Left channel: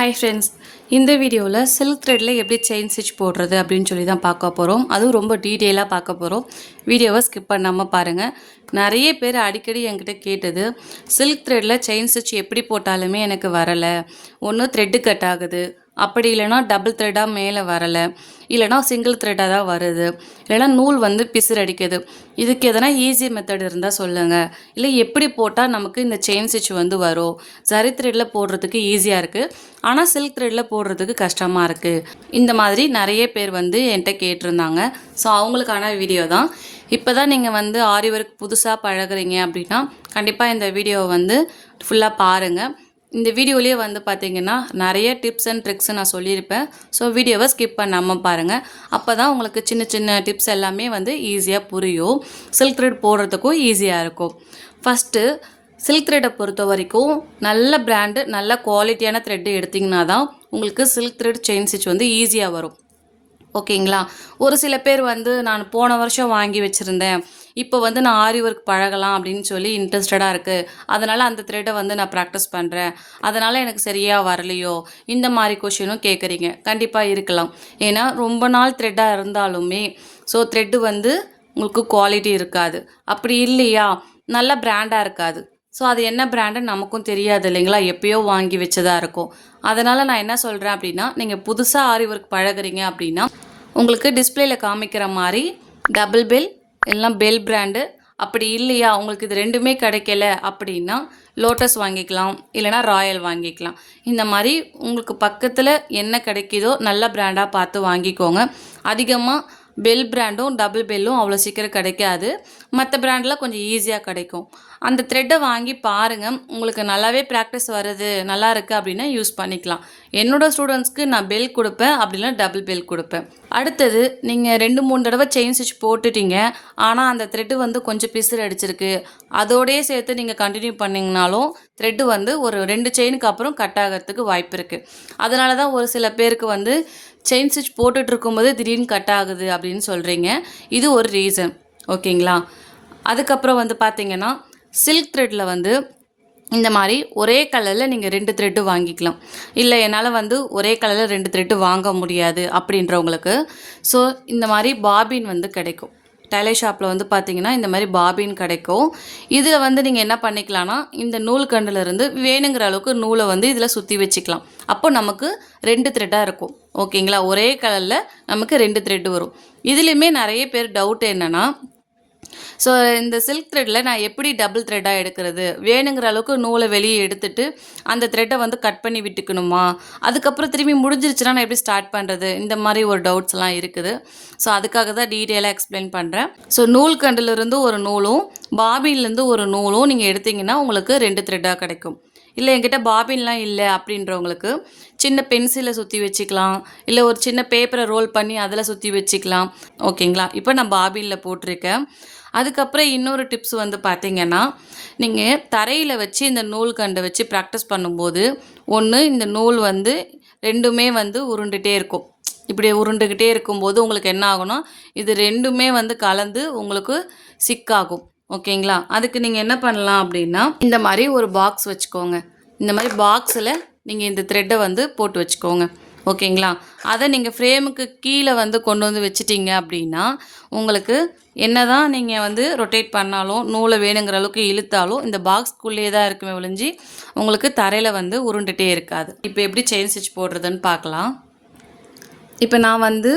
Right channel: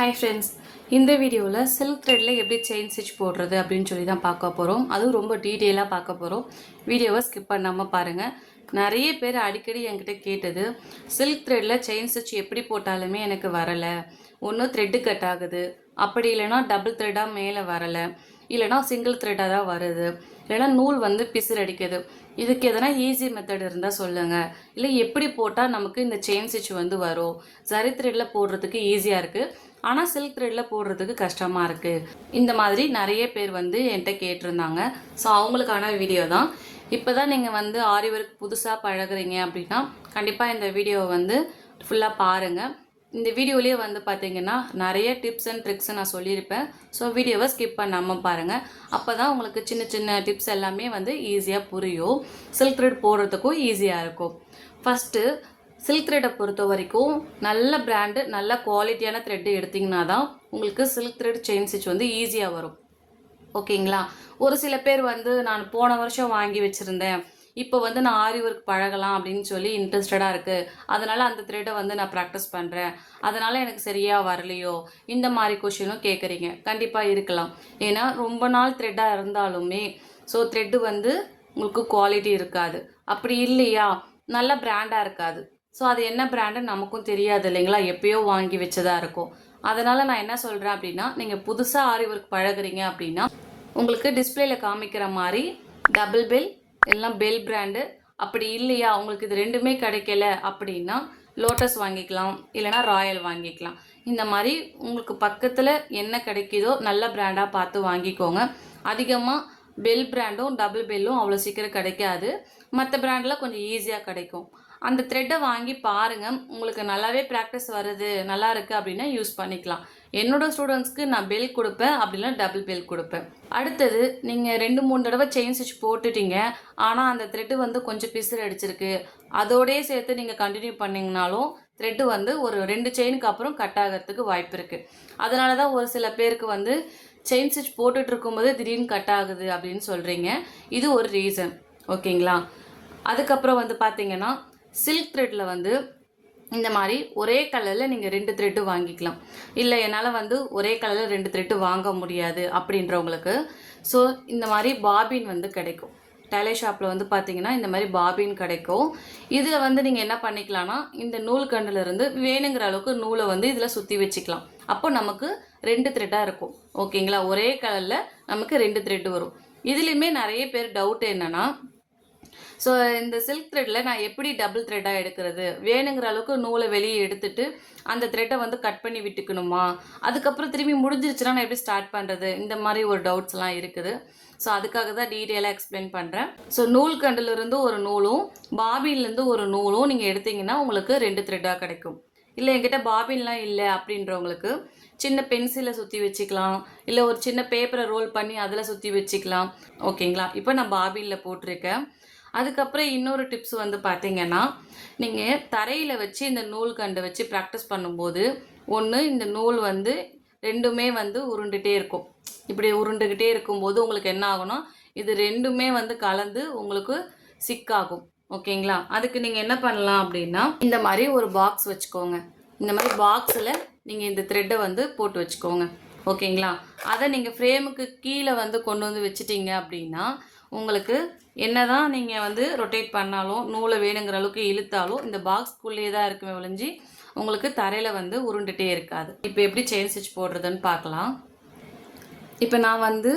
Hi friends, இந்த வீடியோவில் silk த்ரெட்டில் எப்படி செயின் ஸ்டிச் போடுறது அப்படின்னு சொல்லி தான் பார்க்க போகிறோம். அதுவும் ரொம்ப டீட்டெயிலாக பார்க்க போகிறோம். வீடியோவை ஸ்கிப் பண்ணாமல் பாருங்கள். நிறைய பேர் அடிக்கடி என்கிட்ட கேட்டது, சில்க் த்ரெட்டில் செயின் ஸ்டிச் எப்படி போட்டாலுமே எனக்கு வரலை, ஒன்று த்ரெட்டு கட் ஆகுது, அப்படி இல்லைனா டபுள் த்ரெட்டாக மேலே வரலை, இல்லைனா சிங்கிள் த்ரெட்டாக தான் வருது, இல்லைனா நூல் வந்து பிசுறு அடிக்குது. இதுக்கு எதனா ஈஸி மெத்தட் இருந்தால் சொல்லுங்கள், இல்லை எப்படி போட்டால் நமக்கு இந்த செயின் ஸ்டிச் வந்து வரும். சரி த்ரெட்டில் போடுறதுக்கு ஈஸியாக இருக்குது, ஆனால் சில்க் த்ரெட்டில் போடுறதுக்கு கஷ்டமாக இருக்குது. இந்த மாதிரி நிறைய பேர் வந்து என்கிட்ட கேட்டிருந்தாங்க. ஸோ அவங்களுக்கான வீடியோ தான். இப்போ தான் நீங்கள் வந்து ஆரி ஒர்க் புதுசாக பழகுறீங்க அப்படின்னா கண்டிப்பாக இந்த வீடியோவை வந்து ஃபுல்லாக பாருங்கள். இந்த வீடியோலேயே வந்து பார்த்திங்கன்னா நிறைய டிப்ஸ் அண்ட் ட்ரிக்ஸ் நான் சொல்லியிருப்பேன். ஸோ வீடியோவை ஸ்கிப் பண்ணாமல் பாருங்கள். அப்போ தான் உங்களுக்கு சின்ன சின்ன டிப்ஸ் எல்லாமே வந்து ஈஸியாக புரியும். சில்க் த்ரெட் போடுறதுக்கும் ஈஸியாக இருக்கும். ஃபஸ்ட்டு சில்க் த்ரெட்டை பொறுத்த வரைக்கும் நல்ல பிராண்டு, நல்ல குவாலிட்டியான த்ரெட்டு எடுத்திங்கன்னா தான் உங்களுக்கு சில்க் த்ரெட் செயின் ஸ்டிச் வந்து ஈஸியாக வரும். ஓகேங்களா? ஒரு சில பேர் வந்து நான் போன வருஷம் வாங்கி வச்சுருந்தேன், இப்போ வந்து நான் ஆரி ஒர்க் பழகலாம் அப்படின்னு சொல்லி இன்ட்ரெஸ்டடாக இருக்குது, அதனால் அந்த த்ரெட்டை வந்து நான் ப்ராக்டிஸ் பண்ணுறேன், அதனால் எனக்கு சரியாக வரலையோ, இந்த மாதிரி கொஷினும் கேட்குறீங்க. கண்டிப்பாக இருக்கலாம். ஏன்னா ரொம்ப நாள் த்ரெட்டாக இருந்தாலுமே ஸோ த்ரெட்டு வந்து உங்களுக்கு குவாலிட்டி இருக்காது. அப்படி இல்லையா, நல்ல பிராண்டாக இருக்காது. ஸோ அது என்ன பிராண்டுன்னு நமக்கும் தெரியாது இல்லைங்களா, எப்போயோ வாங்கி வச்சதாக இருக்கும். அதனால் நான் என்ன சொல்கிறேன் அப்படின்னா, நீங்கள் புதுசாக ஆரி ஒர்க் பழகுறீங்க அப்படின்னா உங்களுக்கு டிஸ்பிளேயில் காமிக்கிற மாதிரி டபுள் பெல் எல்லாம் பெல் பிராண்டு, அப்படி இல்லையா உங்களுக்கு இது ரெண்டுமே கிடைக்கல அப்படின்னா லோட்டஸ் வாங்கிக்கலாம், இல்லைனா ராயல் வாங்கிக்கலாம். இந்த மாதிரி உங்களுக்கு பக்கத்தில் என்ன கிடைக்குதோ நல்ல பிராண்டாக பார்த்து வாங்கிக்கோங்க. அதிகமாக பெல் பிராண்டும் டபுள் பெல்லும் அவ்வளோ சீக்கிரம் கிடைக்காது. மற்ற பிராண்டில் கொஞ்சம் ஈஸியாக கிடைக்கும். அந்த த்ரெட்டை வாங்கி பாருங்கள். உங்களுக்கு நல்லாவே ப்ராக்டிஸ் வருது, நல்லா இருக்குது அப்படின்னா யூஸ் பண்ணிக்கலாம். என்னோடய ஸ்டூடெண்ட்ஸ்க்கு நான் பெல் கொடுப்பேன், அப்படின்னா டபுள் பெல் கொடுப்பேன். அடுத்தது நீங்கள் 2-3 தடவை செயின் ஸ்டிச் போட்டுட்டீங்க, ஆனால் அந்த த்ரெட்டு வந்து கொஞ்சம் பிசுறு அடிச்சிருக்கு, அதோடையே சேர்த்து நீங்கள் கண்டினியூ பண்ணிங்கனாலும் த்ரெட்டு வந்து ஒரு 2 செயினுக்கு அப்புறம் கட் ஆகிறதுக்கு வாய்ப்பு இருக்குது. அதனால தான் ஒரு சில பேருக்கு வந்து செயின் ஸ்டிச் போட்டுட்டு இருக்கும்போது திடீர்னு கட் ஆகுது அப்படின்னு சொல்கிறீங்க. இது ஒரு ரீசன். ஓகேங்களா? அதுக்கப்புறம் வந்து பார்த்தீங்கன்னா சில்க் த்ரெட்டில் வந்து இந்த மாதிரி ஒரே கலரில் நீங்கள் 2 த்ரெட்டு வாங்கிக்கலாம். இல்லை என்னால் வந்து ஒரே கலரில் 2 த்ரெட்டு வாங்க முடியாது அப்படின்றவங்களுக்கு ஸோ இந்த மாதிரி பாபின் வந்து கிடைக்கும். டெய்லர் ஷாப்பில் வந்து பார்த்தீங்கன்னா இந்த மாதிரி பாபின் கிடைக்கும். இதில் வந்து நீங்கள் என்ன பண்ணிக்கலாம்னா, இந்த நூல் கண்டிலிருந்து வேணுங்கிற அளவுக்கு நூலை வந்து இதில் சுற்றி வச்சுக்கலாம். அப்போ நமக்கு 2 த்ரெட்டாக இருக்கும். ஓகேங்களா? ஒரே கலரில் நமக்கு 2 த்ரெட்டு வரும். இதுலேயுமே நிறைய பேர் டவுட் என்னென்னா, ஸோ இந்த சில்க் த்ரெட்டில் நான் எப்படி டபுள் த்ரெட்டாக எடுக்கிறது, வேணுங்கிற அளவுக்கு நூலை வெளியே எடுத்துட்டு அந்த த்ரெட்டை வந்து கட் பண்ணி விட்டுக்கணுமா, அதுக்கப்புறம் திரும்பி முடிஞ்சிருச்சுன்னா நான் எப்படி ஸ்டார்ட் பண்ணுறது, இந்த மாதிரி ஒரு டவுட்ஸ்லாம் இருக்குது. ஸோ அதுக்காக தான் டீட்டெயிலாக எக்ஸ்பிளைன் பண்ணுறேன். ஸோ நூல் கண்டிலிருந்து ஒரு நூலும் பாபின்லேருந்து ஒரு நூலும் நீங்கள் எடுத்திங்கன்னா உங்களுக்கு 2 த்ரெட்டாக கிடைக்கும். இல்லை என்கிட்ட பாபின்லாம் இல்லை அப்படின்றவங்களுக்கு சின்ன பென்சிலை சுற்றி வச்சுக்கலாம், இல்லை ஒரு சின்ன பேப்பரை ரோல் பண்ணி அதில் சுற்றி வச்சுக்கலாம். ஓகேங்களா? இப்போ நான் பாபினில் போட்டிருக்கேன். அதுக்கப்புறம் இன்னொரு டிப்ஸ் வந்து பார்த்திங்கன்னா, நீங்கள் தரையில் வச்சு இந்த நூல் கண்டை வச்சு ப்ராக்டிஸ் பண்ணும்போது ஒன்று இந்த நூல் வந்து ரெண்டுமே வந்து உருண்டுகிட்டே இருக்கும். இப்படி உருண்டுக்கிட்டே இருக்கும்போது உங்களுக்கு என்ன ஆகும்னா, இது ரெண்டுமே வந்து கலந்து உங்களுக்கு சிக்காகும். ஓகேங்களா? அதுக்கு நீங்கள் என்ன பண்ணலாம் அப்படின்னா, இந்த மாதிரி ஒரு பாக்ஸ் வச்சுக்கோங்க. இந்த மாதிரி பாக்ஸில் நீங்கள் இந்த த்ரெட்டை வந்து போட்டு வச்சுக்கோங்க. ஓகேங்களா? அதை நீங்கள் ஃப்ரேமுக்கு கீழே வந்து கொண்டு வந்து வச்சிட்டிங்க அப்படின்னா உங்களுக்கு என்ன தான் நீங்கள் வந்து ரொட்டேட் பண்ணாலும், நூலை வேணுங்கிற அளவுக்கு இழுத்தாலும் இந்த பாக்ஸ்க்குள்ளேயே தான் இருக்குமே ஒழிஞ்சு உங்களுக்கு தரையில் வந்து உருண்டுகிட்டே இருக்காது. இப்போ எப்படி செயின் ஸ்டிச் போடுறதுன்னு பார்க்கலாம். இப்போ நான் வந்து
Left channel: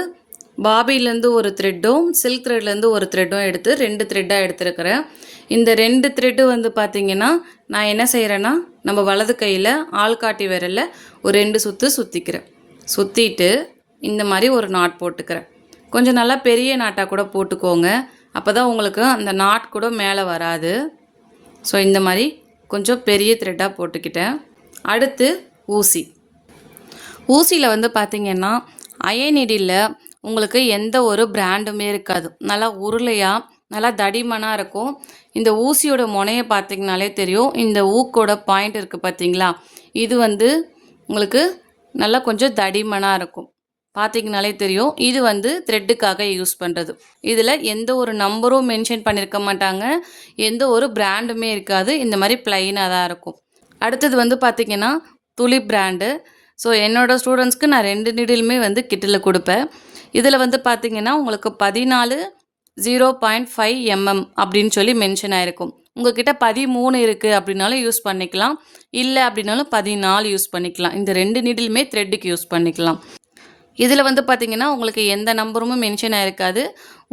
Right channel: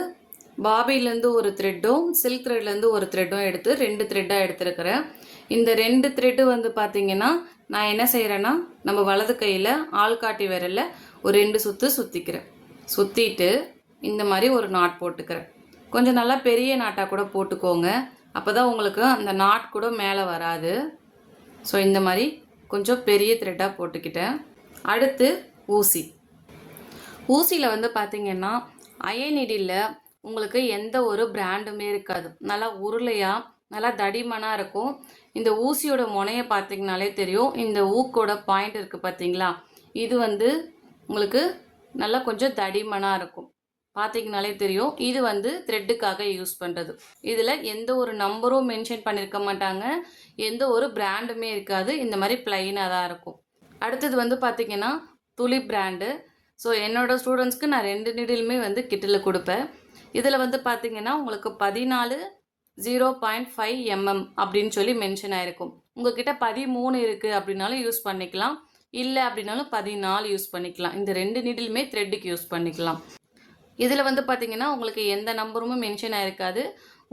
பாபிலேருந்து ஒரு த்ரெட்டும் சில்க் த்ரெட்லேருந்து ஒரு த்ரெட்டும் எடுத்து 2 த்ரெட்டாக எடுத்துருக்கிறேன். இந்த 2 த்ரெட்டு வந்து பார்த்திங்கன்னா நான் என்ன செய்கிறேன்னா, நம்ம வலது கையில் ஆள்காட்டி விரலில் ஒரு 2 சுற்று சுற்றிக்கிறேன். சுற்றிட்டு இந்த மாதிரி ஒரு நாட் போட்டுக்கிறேன். கொஞ்சம் நல்லா பெரிய நாட்டாக கூட போட்டுக்கோங்க, அப்போ தான் உங்களுக்கு அந்த நாட் கூட மேலே வராது. ஸோ இந்த மாதிரி கொஞ்சம் பெரிய த்ரெட்டாக போட்டுக்கிட்டேன். அடுத்து ஊசியில் வந்து பார்த்திங்கன்னா அயன் நீடில் உங்களுக்கு எந்த ஒரு பிராண்டுமே இருக்காது. நல்லா உருளையாக நல்லா தடிமனாக இருக்கும். இந்த ஊசியோட முனையை பார்த்திங்கனாலே தெரியும். இந்த ஊக்கோட பாயிண்ட் இருக்குது பார்த்திங்களா, இது வந்து உங்களுக்கு நல்லா கொஞ்சம் தடிமனாக இருக்கும். பார்த்திங்கனாலே தெரியும். இது வந்து த்ரெட்டுக்காக யூஸ் பண்ணுறது. இதில் எந்த ஒரு நம்பரும் மென்ஷன் பண்ணியிருக்க மாட்டாங்க, எந்த ஒரு பிராண்டுமே இருக்காது. இந்த மாதிரி ப்ளைனாக தான் இருக்கும். அடுத்தது வந்து பார்த்திங்கன்னா துளி பிராண்டு. ஸோ என்னோடய ஸ்டூடெண்ட்ஸ்க்கு நான் 2 நீடிலுமே வந்து கிட்டில் கொடுப்பேன். இதில் வந்து பார்த்திங்கன்னா உங்களுக்கு 14 0.5 அப்படின்னு சொல்லி மென்ஷன் ஆகிருக்கும். உங்கள்கிட்ட 13 இருக்குது அப்படின்னாலும் யூஸ் பண்ணிக்கலாம், இல்லை அப்படின்னாலும் 14 யூஸ் பண்ணிக்கலாம். இந்த 2 நீடிலுமே த்ரெட்டுக்கு யூஸ் பண்ணிக்கலாம். இதில் வந்து பார்த்திங்கன்னா உங்களுக்கு எந்த நம்பரும் மென்ஷன் ஆகிருக்காது.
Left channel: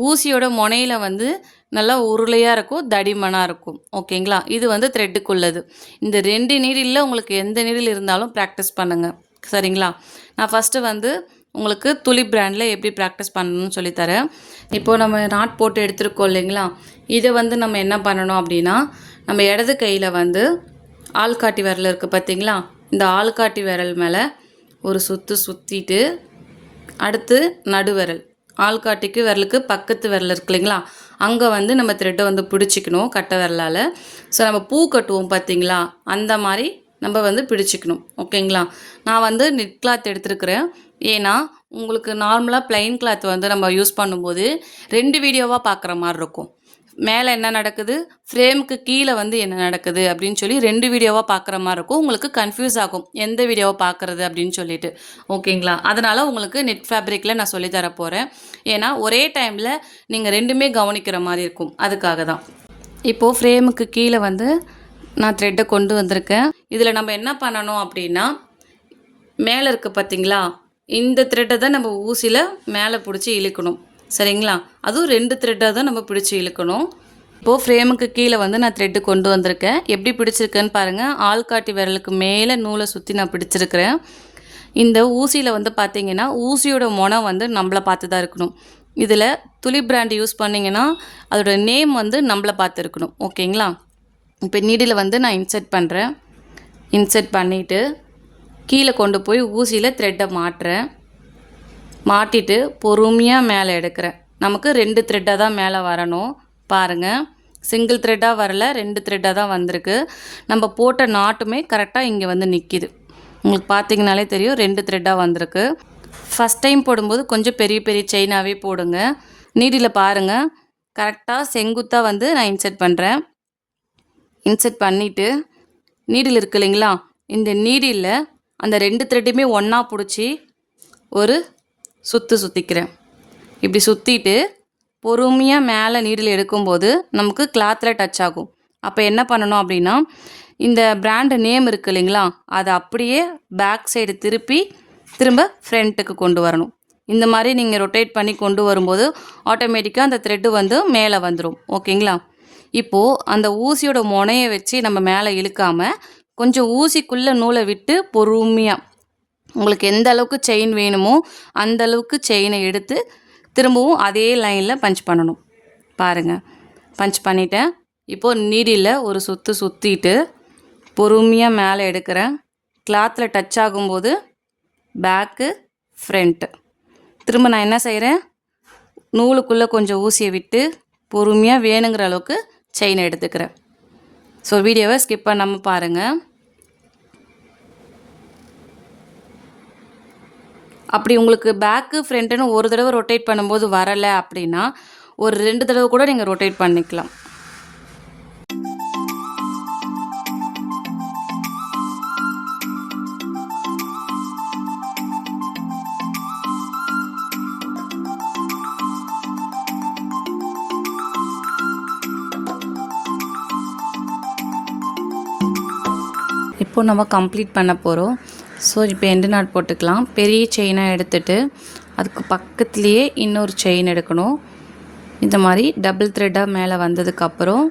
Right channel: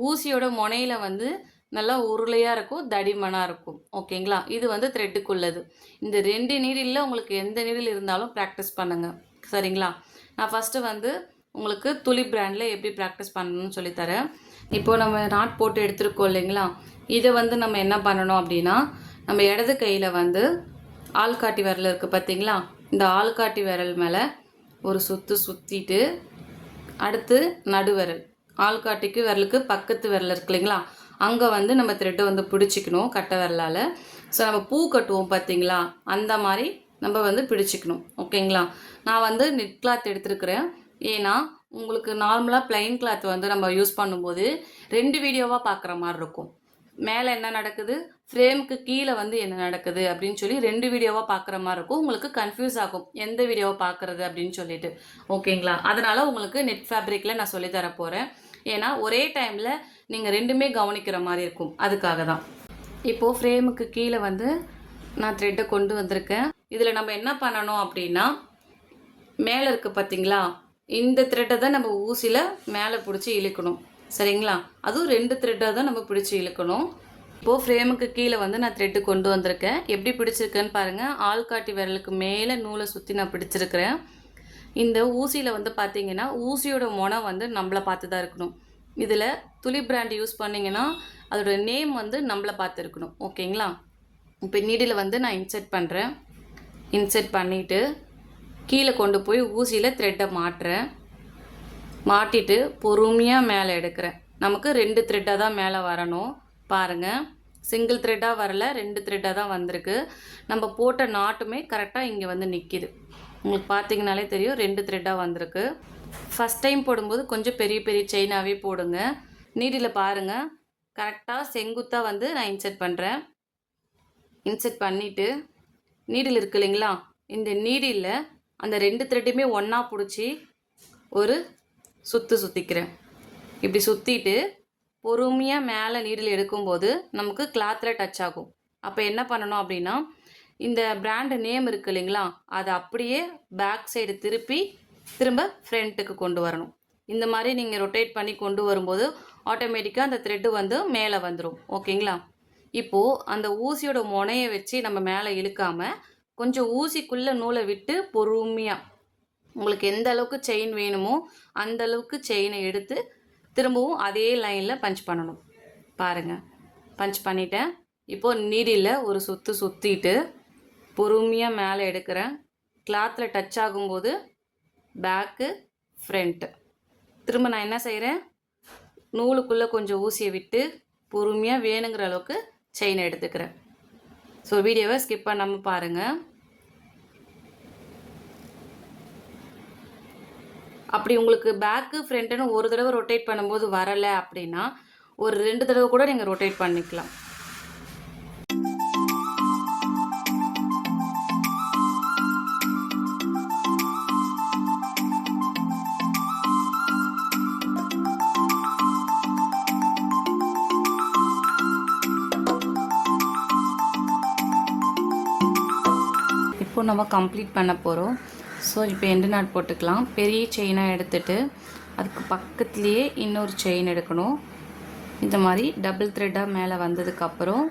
ஊசியோட முனையில் வந்து நல்லா உருளையாக இருக்கும், தடிமனாக இருக்கும். ஓகேங்களா? இது வந்து த்ரெட்டுக்குள்ளது. இந்த 2 நீடிலில் உங்களுக்கு எந்த நீடில் இருந்தாலும் ப்ராக்டிஸ் பண்ணுங்கள். சரிங்களா? நான் ஃபஸ்ட்டு வந்து உங்களுக்கு துலிப் பிராண்டில் எப்படி ப்ராக்டிஸ் பண்ணணும்னு சொல்லித்தரேன். இப்போது நம்ம நாட் போட்டு எடுத்துருக்கோம் இல்லைங்களா? இதை வந்து நம்ம என்ன பண்ணணும் அப்படின்னா, நம்ம இடது கையில் வந்து ஆள்காட்டி விரல் இருக்குது பார்த்தீங்களா? இந்த ஆள்காட்டி விரல் மேலே ஒரு சுற்றிட்டு அடுத்து நடுவிரல், ஆள்காட்டிக்கு விரலுக்கு பக்கத்து விரல் இருக்கு இல்லைங்களா? அங்கே வந்து நம்ம த்ரெட்டை வந்து பிடிச்சிக்கணும் கட்டை விரலால். ஸோ நம்ம பூ கட்டுவோம் பார்த்தீங்களா? அந்த மாதிரி நம்ம வந்து பிடிச்சிக்கணும். ஓகேங்களா? நான் வந்து நெட் கிளாத் எடுத்துருக்கிறேன். ஏன்னா உங்களுக்கு நார்மலாக ப்ளைன் கிளாத் வந்து நம்ம யூஸ் பண்ணும்போது 2 வீடியோவாக பார்க்குற மாதிரி இருக்கும். மேலே என்ன நடக்குது, ஃப்ரேமுக்கு கீழே வந்து என்ன நடக்குது அப்படின்னு சொல்லி 2 வீடியோவாக பார்க்குற மாதிரி இருக்கும். உங்களுக்கு கன்ஃபியூஸ் ஆகும் எந்த வீடியோவை பார்க்குறது அப்படின்னு சொல்லிட்டு. ஓகேங்களா? அதனால் உங்களுக்கு நெட் ஃபேப்ரிக்கில் நான் சொல்லித்தர போகிறேன். ஏன்னா ஒரே டைமில் நீங்கள் 2மே கவனிக்கிற மாதிரி இருக்கும். அதுக்காக தான். இப்போது ஃப்ரேமுக்கு கீழே வந்து நான் த்ரெட்டை கொண்டு வந்திருக்கேன். இதில் நம்ம என்ன பண்ணணும் அப்படின்னா, மேலே இருக்குது பார்த்தீங்களா? இந்த த்ரெட்டை தான் நம்ம ஊசியில் மேலே பிடிச்சி இழுக்கணும். சரிங்களா? அதுவும் 2 த்ரெட்டாக தான் நம்ம பிடிச்சி இழுக்கணும். இப்போது ஃப்ரேமுக்கு கீழே வந்து நான் த்ரெட்டு கொண்டு வந்திருக்கேன். எப்படி பிடிச்சிருக்கேன்னு பாருங்கள். ஆள்காட்டி விரலுக்கு மேலே நூலை சுற்றி நான் பிடிச்சிருக்கிறேன். இந்த ஊசியில் வந்து பார்த்திங்கன்னா ஊசியோட முனை வந்து நம்மளை பார்த்து தான் இருக்கணும். இதில் துலிப் பிராண்ட் யூஸ் பண்ணிங்கன்னா அதோட நேம் வந்து நம்மளை பார்த்து இருக்கணும். ஓகேங்களா? இப்போ நீடில் வந்து நான் இன்சர்ட் பண்ணுறேன். இன்சர்ட் பண்ணிவிட்டு கீழே கொண்டு போய் ஊசியில் த்ரெட்டை மாட்டுறேன். மாட்டிட்டு பொறுமையாக மேலே எடுக்கிறேன். நமக்கு 2 த்ரெட்டாக தான் மேலே வரணும். பாருங்கள், சிங்கிள் த்ரெட்டாக வரல, 2 த்ரெட்டாக தான் வந்திருக்கு. நம்ம போட்ட நாட்டுமே கரெக்டாக இங்கே வந்து நிற்கிது. உங்களுக்கு பார்த்தீங்கனாலே தெரியும் 2 த்ரெட்டாக வந்திருக்கு. ஃபஸ்ட் டைம் போடும்போது கொஞ்சம் பெரிய பெரிய செயினாகவே போடுங்க. நீடில் பாருங்கள், கரெக்டாக செங்குத்தாக வந்து நான் இன்சர்ட் பண்ணுறேன். இன்சர்ட் பண்ணிவிட்டு நீடில் இருக்கு இல்லைங்களா? இந்த நீடில் அந்த 2 த்ரெட்டுமே ஒன்றா பிடிச்சி ஒரு சுற்றிக்கிறேன். இப்படி சுற்றிட்டு பொறுமையாக மேலே நீடில் எடுக்கும்போது நமக்கு கிளாத்தில் டச் ஆகும். அப்போ என்ன பண்ணணும் அப்படின்னா, இந்த பிராண்டு நேம் இருக்குது இல்லைங்களா? அதை அப்படியே பேக் சைடு திரும்ப ஃப்ரண்ட்டுக்கு கொண்டு வரணும். இந்த மாதிரி நீங்கள் ரொட்டேட் பண்ணி கொண்டு வரும்போது ஆட்டோமேட்டிக்காக அந்த த்ரெட்டு வந்து மேலே வந்துடும். ஓகேங்களா? இப்போது அந்த ஊசியோட முனையை வச்சு நம்ம மேலே இழுக்காமல் கொஞ்சம் ஊசிக்குள்ளே நூலை விட்டு பொறுமையாக உங்களுக்கு எந்த அளவுக்கு செயின் வேணுமோ அந்த அளவுக்கு செயினை எடுத்து திரும்பவும் அதே லைனில் பஞ்ச் பண்ணணும். பாருங்கள், பஞ்ச் பண்ணிட்டேன். இப்போது நீடில் ஒரு சுற்றிட்டு பொறுமையாக மேலே எடுக்கிறேன். கிளாத்தில் டச் ஆகும்போது பேக்கு ஃப்ரண்ட்டு. திரும்ப நான் என்ன செய்கிறேன், நூலுக்குள்ளே கொஞ்சம் ஊசியை விட்டு பொறுமையாக வேணுங்கிற அளவுக்கு செயினை எடுத்துக்கிறேன். ஸோ வீடியோவை ஸ்கிப் பண்ணாமல் பாருங்கள். அப்படி உங்களுக்கு பேக்கு ஃப்ரண்ட்டுன்னு ஒரு தடவை ரொட்டேட் பண்ணும்போது வரலை அப்படின்னா ஒரு 2 தடவை கூட நீங்கள் ரொட்டேட் பண்ணிக்கலாம். இப்போ நம்ம கம்ப்ளீட் பண்ண போகிறோம். ஸோ இப்போ எண்டு நாட் போட்டுக்கலாம். பெரிய செயினாக எடுத்துகிட்டு அதுக்கு பக்கத்துலேயே இன்னொரு செயின் எடுக்கணும். இந்த மாதிரி டபுள் த்ரெட்டாக மேலே வந்ததுக்கப்புறம்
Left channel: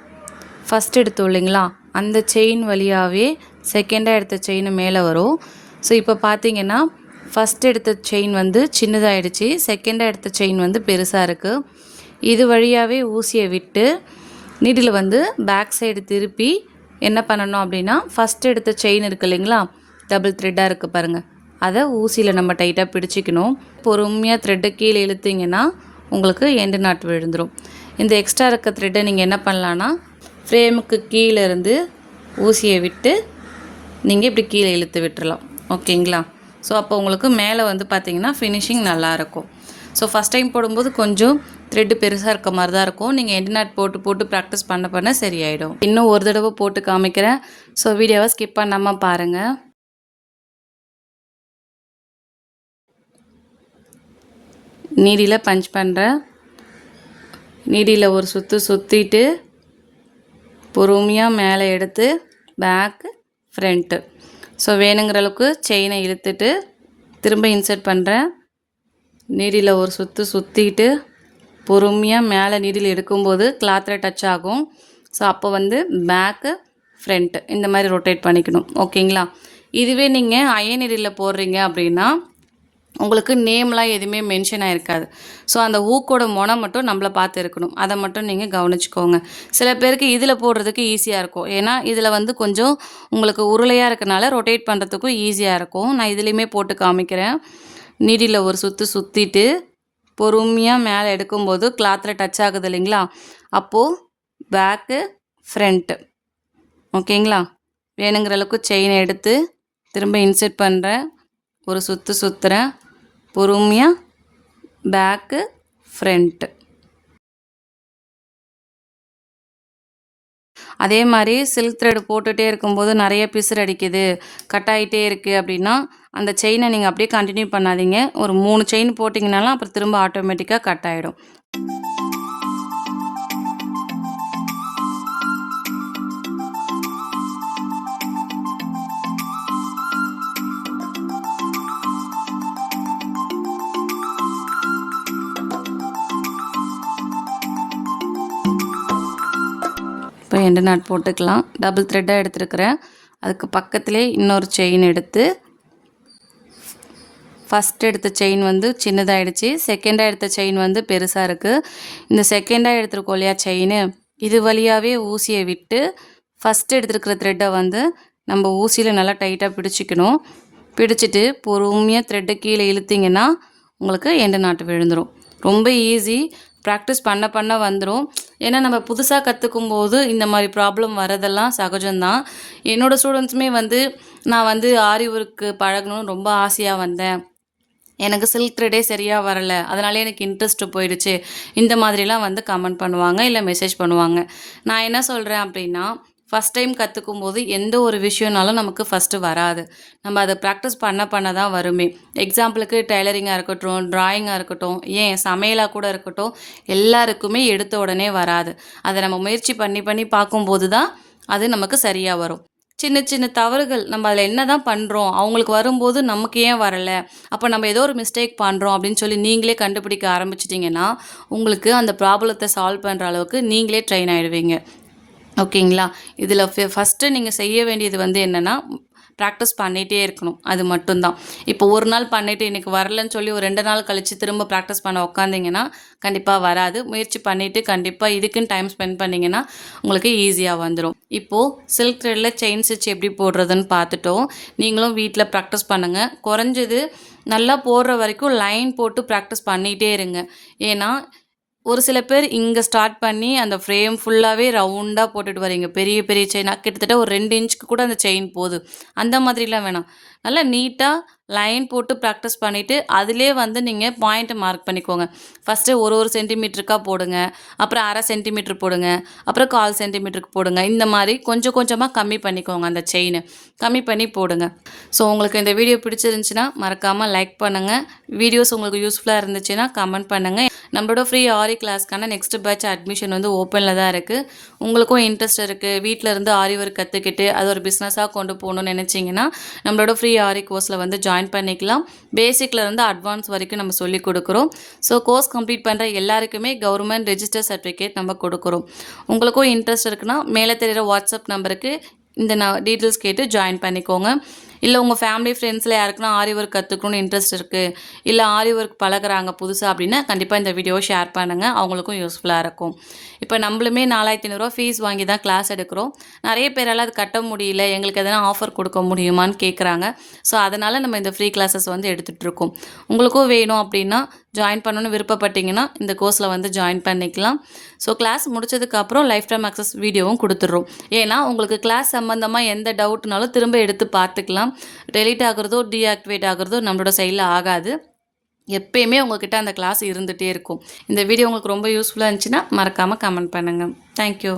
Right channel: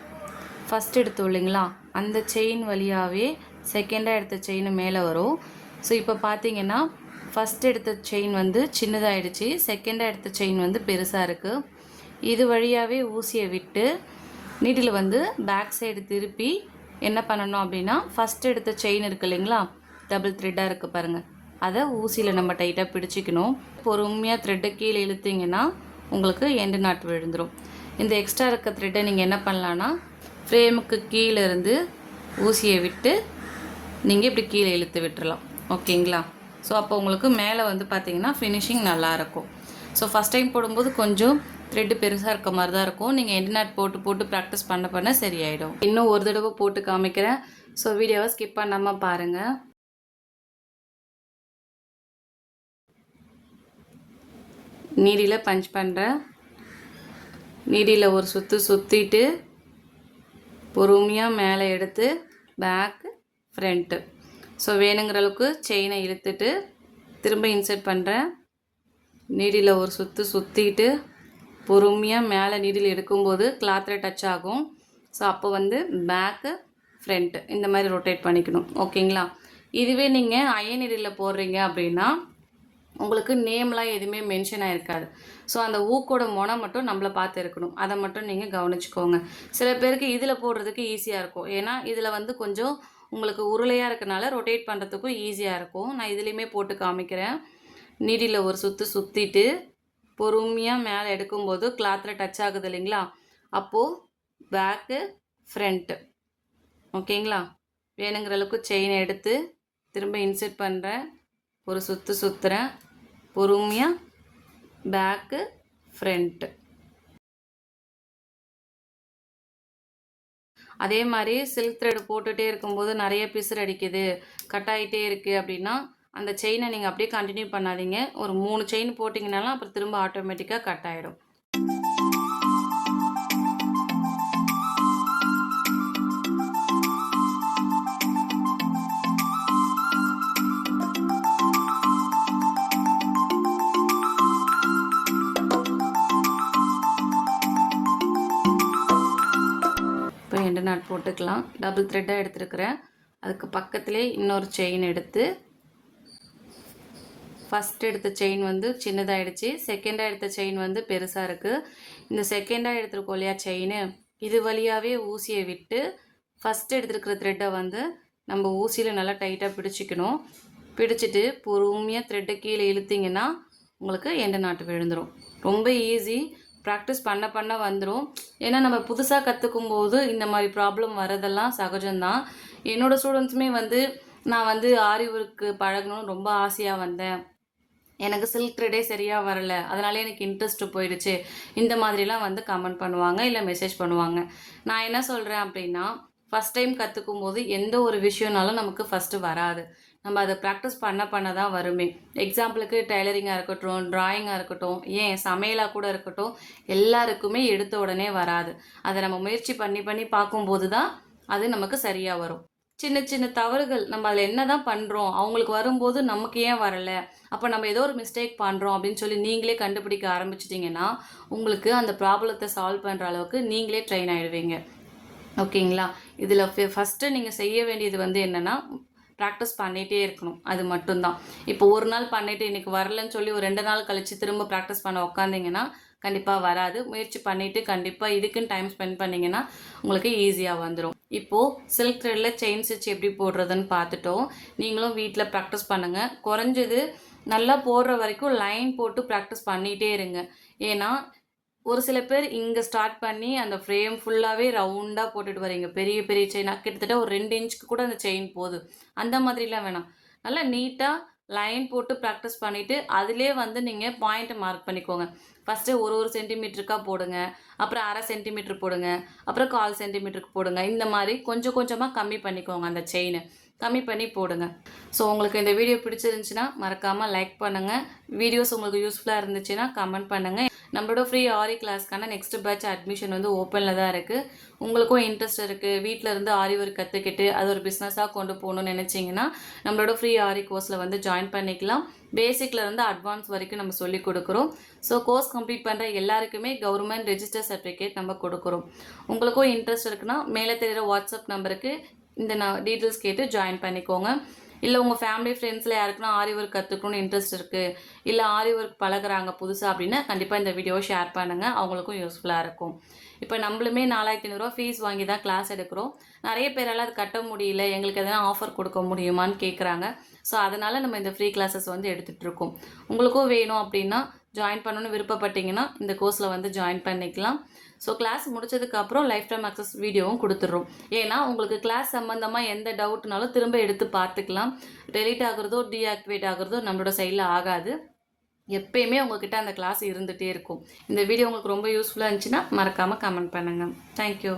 ஃபஸ்ட் எடுத்தோம் இல்லைங்களா, அந்த செயின் வழியாகவே செகண்டாக எடுத்த செயின் மேலே வரும். ஸோ இப்போ பார்த்தீங்கன்னா ஃபஸ்ட் எடுத்த செயின் வந்து சின்னதாகிடுச்சு, செகண்டாக எடுத்த செயின் வந்து பெருசாக இருக்குது. இது வழியாகவே ஊசியை விட்டு நீடில் வந்து பேக் சைடு திருப்பி என்ன பண்ணணும் அப்படின்னா, ஃபஸ்ட் எடுத்த செயின் இருக்குது இல்லைங்களா, டபுள் த்ரெட்டாக இருக்குது பாருங்கள், அதை ஊசியில் நம்ம டைட்டாக பிடிச்சிக்கணும். பொறுமையாக த்ரெட்டை கீழே இழுத்திங்கன்னா உங்களுக்கு எண்டு நாட் விழுந்துடும். இந்த எக்ஸ்ட்ரா இருக்க த்ரெட்டை நீங்கள் என்ன பண்ணலான்னா, ஃப்ரேமுக்கு கீழே இருந்து ஊசியை விட்டு நீங்கள் இப்படி கீழே இழுத்து விட்டுறலாம். ஓகேங்களா? ஸோ அப்போ உங்களுக்கு மேலே வந்து பார்த்திங்கன்னா ஃபினிஷிங் நல்லாயிருக்கும். ஸோ ஃபஸ்ட் டைம் போடும்போது கொஞ்சம் த்ரெட்டு பெருசாக இருக்க மாதிரி தான் இருக்கும். நீங்கள் எண்டு நாட் போட்டு ப்ராக்டிஸ் பண்ண சரியாயிடும். இன்னும் ஒரு தடவை போட்டு காமிக்கிறேன். ஸோ வீடியோவை ஸ்கிப் பண்ணாமல் பாருங்கள். நீடியில் பஞ்ச் பண்ணுறேன். நீடியில் ஒரு சுற்றிட்டு பொறுமையாக மேலே எடுத்து பேக்கு ஃப்ரண்ட்டு. ஸோ வேணுங்கிற அளவுக்கு செயினை இழுத்துட்டு திரும்ப இன்சர்ட் பண்ணுறேன். நீடியில் ஒரு சுற்றிட்டு பொறுமையாக மேலே நீடில் எடுக்கும்போது கிளாத்தில் டச் ஆகும். ஸோ அப்போ வந்து பேக்கு ஃப்ரண்ட்டு இந்த மாதிரி ரொட்டேட் பண்ணிக்கணும். ஓகேங்களா? இதுவே நீங்கள் அயன் நீடில் போடுறீங்க அப்படின்னா உங்களுக்கு நேம்லாம் எதுவுமே மென்ஷன் ஆகிருக்காது. ஸோ அந்த ஊக்கோட மொனம் மட்டும் நம்மளை பார்த்து இருக்கணும். அதை மட்டும் நீங்கள் கவனிச்சுக்கோங்க. சில பேருக்கு இதில் போடுறதுக்கு ஈஸியாக இருக்கும். ஏன்னா இதில் வந்து கொஞ்சம் உங்களுக்கு உருளையாக இருக்கனால ரொட்டேட் பண்ணுறதுக்கும் ஈஸியாக இருக்கும். நான் இதுலேயுமே போட்டு காமிக்கிறேன். நீடியில் ஒரு சுற்றிட்டு பொறுமையாக மேலே எடுக்கும்போது கிளாத்தில் டச் ஆகுது இல்லைங்களா? அப்போது பேக்கு ஃப்ரண்ட்டு. ஓகேங்களா? வேணுங்கிற அளவுக்கு செயினை எடுத்து திரும்ப இன்சர்ட் பண்ணுறேன். ஒரு சுற்றுறேன். பொறுமையாக பேக்கு ஃப்ரண்ட்டு. அதே மாதிரி சில்க் த்ரெட் போட்டுகிட்டே இருக்கும்போது நிறைய பிசுறு அடிக்குது, கட் ஆகிட்டே இருக்குது அப்படின்னா அந்த செயினை நீங்கள் அப்படியே கண்டினியூ பண்ணாதீங்க. ஒரு 3 செயின் போட்டிங்கனாலும் அப்புறம் திரும்ப ஆட்டோமேட்டிக்காக கட் ஆகிடும். இப்போ எண்டு நாட் போட்டுக்கலாம். டபுள் த்ரெட்டாக எடுத்துருக்கிறேன். அதுக்கு பக்கத்திலே இன்னொரு செயின் எடுத்து ஃபஸ்ட் எடுத்த செயின் வந்து சின்னதாகிடுச்சு. செகண்டாக எடுத்த செயின் வந்து பெருசாக இருக்குது. இந்த செகண்டாக எடுத்துருக்கோம் இல்லையா செயின், இது வழியாகவே ஊசியை விட்டு ஃபஸ்ட்டு எடுத்துருக்கிற த்ரெட்டை வந்து நம்ம ஊசியில் நல்லா டைட்டாக பிடிச்சிக்கணும். பிடிச்சிட்டு பொறுமையாக த்ரெட்டை கீழே இழுத்திங்கன்னா உங்களுக்கு எண்டு நாட்டு விழுந்துடும். ரொம்ப ஈஸி. ப்ராக்டிஸ் பண்ண வந்துடும். ஏன்னா நம்ம புதுசாக கற்றுக்கும் போது இந்த மாதிரி ப்ராப்ளம் வரதெல்லாம் சகஜம்தான். என்னோடய ஸ்டூடெண்ட்ஸுமே வந்து நான் வந்து ஆரி ஒர்க்கு பழகணும்னு ரொம்ப ஆசையாக வந்தேன், எனக்கு சில்க் த்ரெட்டே சரியாக வரலை, அதனாலே எனக்கு இன்ட்ரெஸ்ட்டு போயிடுச்சு, இந்த மாதிரிலாம் வந்து கமெண்ட் பண்ணுவாங்க, இல்லை மெசேஜ் பண்ணுவாங்க. நான் என்ன சொல்கிறேன் அப்படின்னா, ஃபஸ்ட் டைம் கற்றுக்கும் போது எந்த ஒரு விஷயம்னாலும் நமக்கு ஃபஸ்ட்டு வராது. நம்ம அதை ப்ராக்டிஸ் பண்ண தான் வருமே. எக்ஸாம்பிளுக்கு டெய்லரிங்காக இருக்கட்டும், ட்ராயிங்காக இருக்கட்டும், ஏன் சமையலாக கூட இருக்கட்டும், எல்லாருக்குமே எடுத்த உடனே வராது. அதை நம்ம முயற்சி பண்ணி பார்க்கும்போது தான் அது நமக்கு சரியாக வரும். சின்ன தவறுகள் நம்ம அதில் என்ன தான் பண்ணுறோம், அவங்களுக்கு வரும்போது நமக்கு ஏன் வரலை, அப்போ நம்ம ஏதோ ஒரு மிஸ்டேக் பண்ணுறோம் அப்படின்னு சொல்லி நீங்களே கண்டுபிடிக்க ஆரம்பிச்சிட்டிங்கன்னா உங்களுக்கு அந்த ப்ராப்ளத்தை சால்வ் பண்ணுற அளவுக்கு நீங்களே ட்ரெயின் ஆகிடுவீங்க. ஓகேங்களா? இதில் ஃபஸ்ட்டு நீங்கள் செய்ய வேண்டியது வந்து என்னென்னா, ப்ராக்டிஸ் பண்ணிகிட்டே இருக்கணும். அது மட்டும்தான். இப்போ ஒரு நாள் பண்ணிவிட்டு இன்றைக்கி வரலன்னு சொல்லி ஒரு 2 நாள் கழித்து திரும்ப ப்ராக்டிஸ் பண்ண உக்காந்திங்கன்னா கண்டிப்பாக வராது. முயற்சி பண்ணிவிட்டு கண்டிப்பாக இதுக்குன்னு டைம் ஸ்பெண்ட் பண்ணிங்கன்னா உங்களுக்கு ஈஸியாக வந்துடும். இப்போது சில்க் த்ரெட்டில் செயின் ஸ்டிச் எப்படி போடுறதுன்னு பார்த்துட்டோம். நீங்களும் வீட்டில் ப்ராக்டிஸ் பண்ணுங்கள். குறைஞ்சது நல்லா போடுற வரைக்கும் லைன் போட்டு ப்ராக்டிஸ் பண்ணிகிட்டே இருங்க. ஏன்னா ஒரு சில பேர் இங்கே ஸ்டார்ட் பண்ணி அந்த ஃப்ரேம் ஃபுல்லாகவே ரவுண்டாக போட்டுட்டு வரீங்க. பெரிய செயினாக கிட்டத்தட்ட ஒரு 2 இன்ச்சுக்கு கூட அந்த செயின் போகுது. அந்த மாதிரிலாம் வேணாம். நல்லா நீட்டாக லைன் போட்டு ப்ராக்டிஸ் பண்ணிவிட்டு அதிலே வந்து நீங்கள் பாயிண்ட்டை மார்க் பண்ணிக்கோங்க. ஃபஸ்ட்டு ஒரு சென்டிமீட்டருக்கா போடுங்க, அப்புறம் 1/2 சென்டிமீட்டர் போடுங்க, அப்புறம் 1/4 சென்டிமீட்டருக்கு போடுங்க. இந்த மாதிரி கொஞ்சம் கொஞ்சமாக கம்மி பண்ணிக்கோங்க அந்த செயினை. கம்மி பண்ணி போடுங்க. ஸோ உங்களுக்கு இந்த வீடியோ பிடிச்சிருந்துச்சின்னா மறக்காமல் லைக் பண்ணுங்கள். வீடியோஸ் உங்களுக்கு யூஸ்ஃபுல்லாக இருந்துச்சுன்னா கமெண்ட் பண்ணுங்கள். நம்மளோட ஃப்ரீ ஆரி கிளாஸ்க்கான நெக்ஸ்ட் பேட்ச் அட்மிஷன் வந்து ஓப்பனில் தான் இருக்குது. உங்களுக்கும் இன்ட்ரெஸ்ட் இருக்குது, வீட்டில் இருந்து ஆரி ஒர்க் கற்றுக்கிட்டு அது ஒரு பிஸ்னஸாக கொண்டு போகணுன்னு நினச்சிங்கன்னா நம்மளோட ஃப்ரீ ஆரி கோர்ஸில் வந்து ஜாயின் பண்ணிக்கலாம். பேசிக்கில் இருந்து அட்வான்ஸ் வரைக்கும் நம்ம சொல்லிக் கொடுக்குறோம். ஸோ கோர்ஸ் கம்ப்ளீட் பண்ணுற எல்லாருக்குமே கவர்மெண்ட் ரெஜிஸ்டர் சர்டிஃபிகேட் நம்ம கொடுக்குறோம். உங்களுக்கும் இன்ட்ரெஸ்ட் இருக்குன்னா மேலே தெரிகிற வாட்ஸ்அப் நம்பருக்கு இந்த டீட்டெயில்ஸ் கேட்டு ஜாயின் பண்ணிக்கோங்க. இல்லை உங்கள் ஃபேமிலி ஃப்ரெண்ட்ஸில் யாருக்குன்னா ஆரி ஒர்க் கற்றுக்கணும்னு இன்ட்ரெஸ்ட் இருக்குது, இல்லை ஆரி ஒர்க் பழகுறாங்க புதுசாக அப்படின்னா கண்டிப்பாக இந்த வீடியோவை ஷேர் பண்ணுங்கள், அவங்களுக்கும் யூஸ்ஃபுல்லாக இருக்கும். இப்போ நம்மளுமே 4500 ஃபீஸ் வாங்கி தான் கிளாஸ் எடுக்கிறோம். நிறைய பேரால் அது கட்ட முடியல, எங்களுக்கு எதனா ஆஃபர் கொடுக்க முடியுமான்னு கேட்குறாங்க. ஸோ அதனால் நம்ம இந்த ஃப்ரீ கிளாஸஸ் வந்து எடுத்துகிட்ருக்கோம். உங்களுக்கும் வேணும் அப்படின்னா ஜாயின் பண்ணணும்னு விருப்பப்பட்டீங்கன்னா இந்த கோர்ஸில் வந்து ஜாயின் பண்ணிக்கலாம். ஸோ கிளாஸ் முடிச்சதுக்கப்புறம் லைஃப் டைம் அக்சஸ் வீடியோவும் கொடுத்துட்றோம். ஏன்னா உங்களுக்கு கிளாஸ் சம்மந்தமாக எந்த டவுட்னாலும் திரும்ப எடுத்து பார்த்துக்கலாம். டெலீட் ஆகுறதோ டீஆக்டிவேட் ஆகுறதோ நம்மளோட சைடில் ஆகாது. எப்பயுமே உங்கள்கிட்ட அந்த கிளாஸ் இருந்துகிட்டே இருக்கும். இந்த வீடியோ உங்களுக்கு ரொம்ப யூஸ்ஃபுல்லாக இருந்துச்சுன்னா மறக்காமல் கமெண்ட் பண்ணுங்கள். தேங்க்யூ.